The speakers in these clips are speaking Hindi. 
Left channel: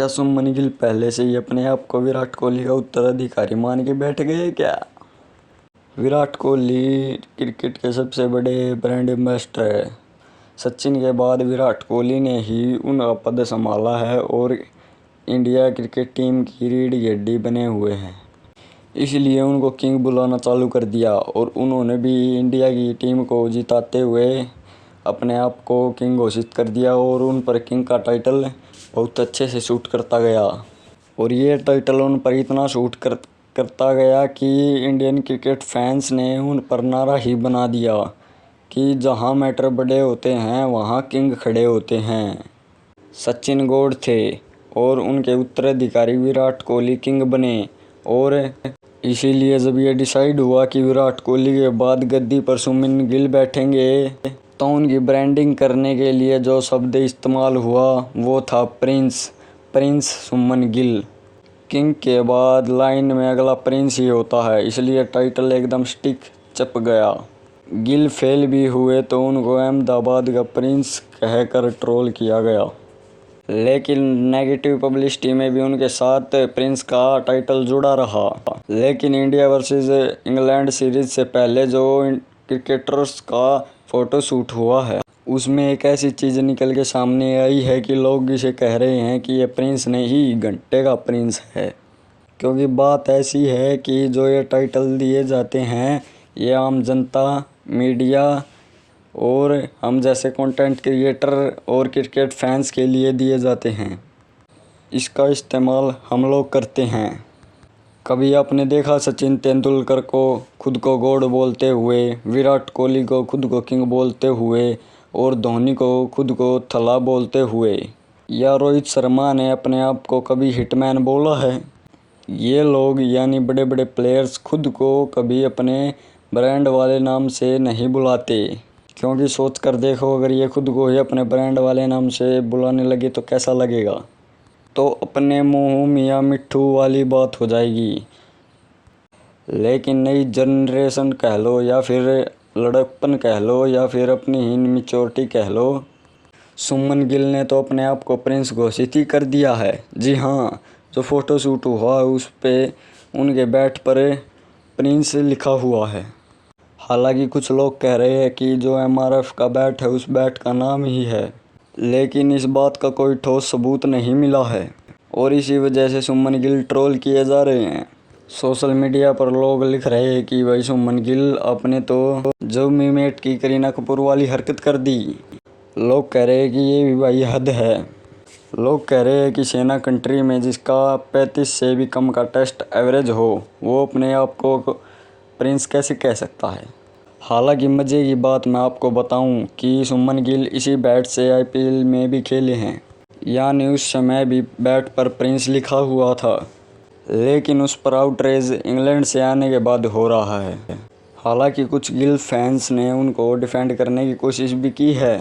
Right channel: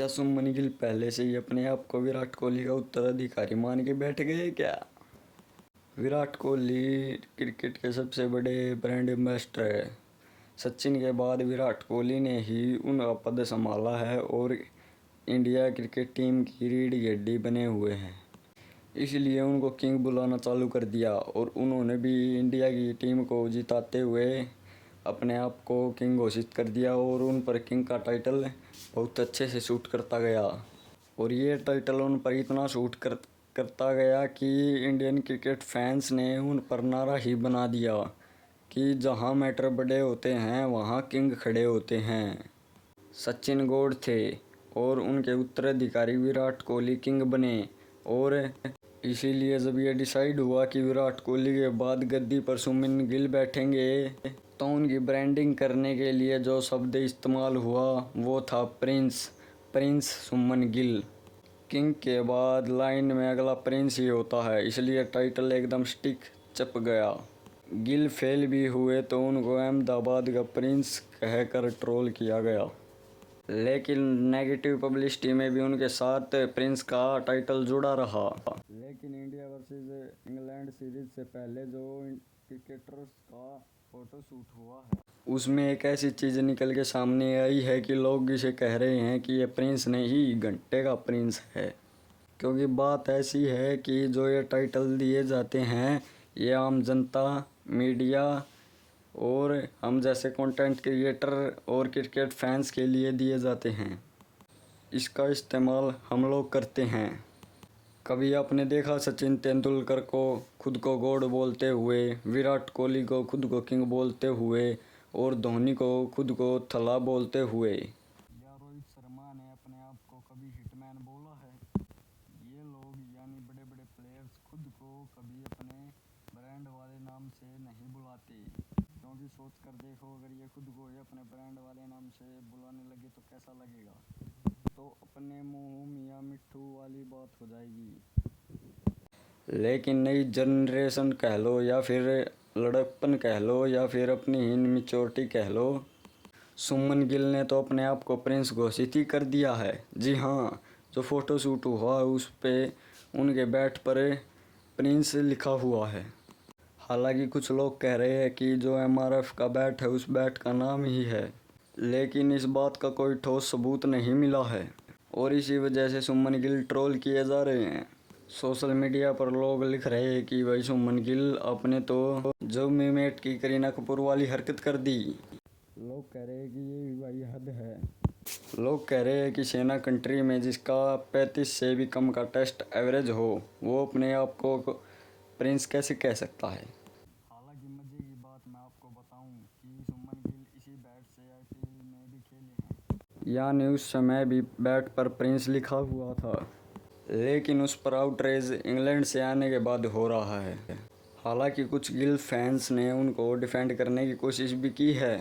क्या सुमन गिल पहले से ही अपने आप को विराट कोहली का उत्तराधिकारी मान के बैठ गए क्या? विराट कोहली क्रिकेट के सबसे बड़े ब्रांड एम्बेसडर है। सचिन के बाद विराट कोहली ने ही उनका पद संभाला है और इंडिया क्रिकेट टीम की रीढ़ की हड्डी बने हुए हैं। इसलिए उनको किंग बुलाना चालू कर दिया और उन्होंने भी इंडिया की टीम को जिताते हुए अपने आप को किंग घोषित कर दिया और उन पर किंग का टाइटल बहुत अच्छे से सूट करता गया। और ये टाइटल उन पर इतना सूट करता गया कि इंडियन क्रिकेट फैंस ने उन पर नारा ही बना दिया कि जहां मैटर बड़े होते हैं वहां किंग खड़े होते हैं। सचिन गॉड थे और उनके उत्तराधिकारी विराट कोहली किंग बने। और इसीलिए जब ये डिसाइड हुआ कि विराट कोहली के बाद गद्दी पर सुमन गिल बैठेंगे, तो उनकी ब्रांडिंग करने के लिए जो शब्द इस्तेमाल हुआ वो था प्रिंस सुमन गिल। किंग के बाद लाइन में अगला प्रिंस ही होता है, इसलिए टाइटल एकदम स्टिक चप गया। गिल फेल भी हुए तो उनको अहमदाबाद का प्रिंस कहकर ट्रोल किया गया, लेकिन नेगेटिव पब्लिसिटी में भी उनके साथ प्रिंस का टाइटल जुड़ा रहा। लेकिन इंडिया वर्सेस इंग्लैंड सीरीज से पहले जो क्रिकेटर्स का फोटो शूट हुआ है उसमें एक ऐसी चीज़ निकल के सामने आई है कि लोग इसे कह रहे हैं कि ये प्रिंस नहीं घंटे का प्रिंस है। क्योंकि बात ऐसी है कि जो ये टाइटल दिए जाते हैं ये आम जनता, मीडिया और हम जैसे कंटेंट क्रिएटर और क्रिकेट फैंस के लिए दिए जाते हैं। इसका इस्तेमाल हम लोग करते हैं। कभी आपने देखा सचिन तेंदुलकर को खुद को गॉड बोलते हुए, विराट कोहली को खुद को किंग बोलते हुए और धोनी को खुद को थला बोलते हुए, या रोहित शर्मा ने अपने आप को कभी हिटमैन बोला है? ये लोग यानी बड़े बड़े प्लेयर्स खुद को कभी अपने ब्रांड वाले नाम से नहीं बुलाते। क्योंकि सोच कर देखो, अगर ये खुद को ही अपने ब्रांड वाले नाम से बुलाने लगे तो कैसा लगेगा? तो अपने मुँह मियाँ मिट्ठू वाली बात हो जाएगी। लेकिन नई जनरेशन कह लो या फिर लड़कपन कह लो या फिर अपनी ही मैच्योरिटी कह लो, सुमन गिल ने तो अपने आप को प्रिंस घोषित ही कर दिया है। जी हाँ, जो फ़ोटो शूट हुआ उस पे उनके बैट पर प्रिंस लिखा हुआ है। हालांकि कुछ लोग कह रहे हैं कि जो MRF का बैट है उस बैट का नाम ही है, लेकिन इस बात का कोई ठोस सबूत नहीं मिला है और इसी वजह से सुमन गिल ट्रोल किए जा रहे हैं। सोशल मीडिया पर लोग लिख रहे हैं कि भाई सुमन गिल आपने तो जो मीमेट की करीना कपूर वाली हरकत कर दी। लोग कह रहे हैं कि ये भी भाई हद है। लोग कह रहे हैं कि सेना कंट्री में जिसका 35 से भी कम का टेस्ट एवरेज हो वो अपने आप को प्रिंस कैसे कह सकता है। हालांकि मज़े की बात मैं आपको बताऊं कि सुमन गिल इसी बैट से IPL में भी खेले हैं, यानी उस समय भी बैट पर प्रिंस लिखा हुआ था। लेकिन उस पर आउटरेज इंग्लैंड से आने के बाद हो रहा है। हालांकि कुछ गिल फैंस ने उनको डिफेंड करने की कोशिश भी की है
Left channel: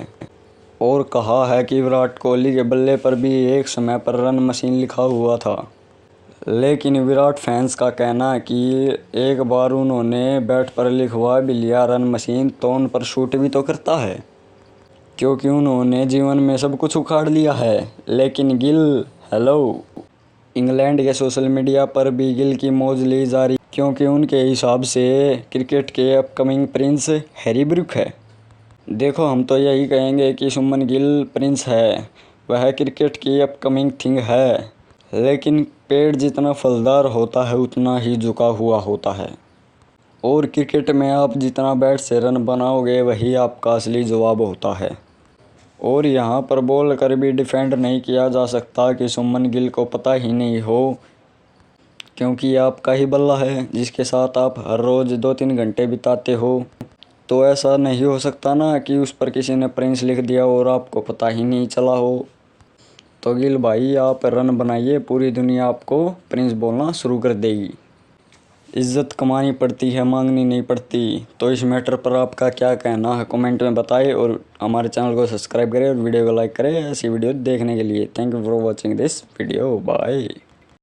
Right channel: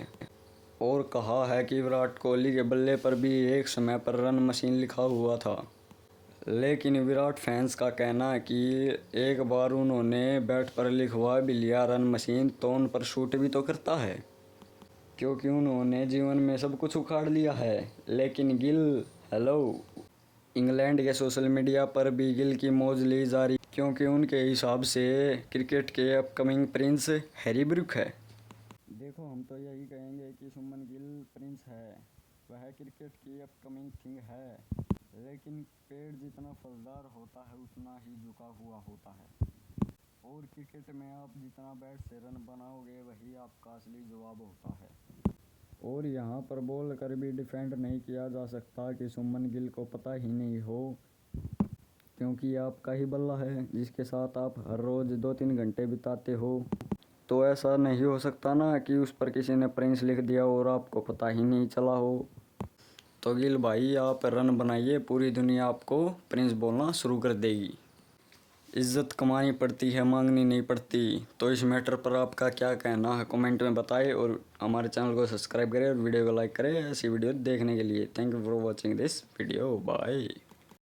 और कहा है कि विराट कोहली के बल्ले पर भी एक समय पर रन मशीन लिखा हुआ था। लेकिन विराट फैंस का कहना है कि एक बार उन्होंने बैट पर लिखवा भी लिया रन मशीन तो उन पर शूट भी तो करता है, क्योंकि उन्होंने जीवन में सब कुछ उखाड़ लिया है। लेकिन गिल हेलो, इंग्लैंड के सोशल मीडिया पर भी गिल की मौज ली जा रही, क्योंकि उनके हिसाब से क्रिकेट के अपकमिंग प्रिंस हैरी ब्रूक है। देखो, हम तो यही कहेंगे कि सुमन गिल प्रिंस है, वह क्रिकेट की अपकमिंग थिंग है। लेकिन पेड़ जितना फलदार होता है उतना ही झुका हुआ होता है और क्रिकेट में आप जितना बैट से रन बनाओगे वही आपका असली जवाब होता है। और यहाँ पर बोल कर भी डिफेंड नहीं किया जा सकता कि सुमन गिल को पता ही नहीं हो, क्योंकि आपका ही बल्ला है जिसके साथ आप हर रोज़ 2-3 घंटे बिताते हो। तो ऐसा नहीं हो सकता ना कि उस पर किसी ने प्रिंस लिख दिया और आपको पता ही नहीं चला हो। तो गिल भाई, आप रन बनाइए, पूरी दुनिया आपको प्रिंस बोलना शुरू कर देगी। इज़्ज़त कमानी पड़ती है, मांगनी नहीं पड़ती। तो इस मैटर पर आपका क्या कहना है कमेंट में बताएं और हमारे चैनल को सब्सक्राइब करें और वीडियो को लाइक करें ऐसी वीडियो देखने के लिए। Thank you for watching this video. Bye.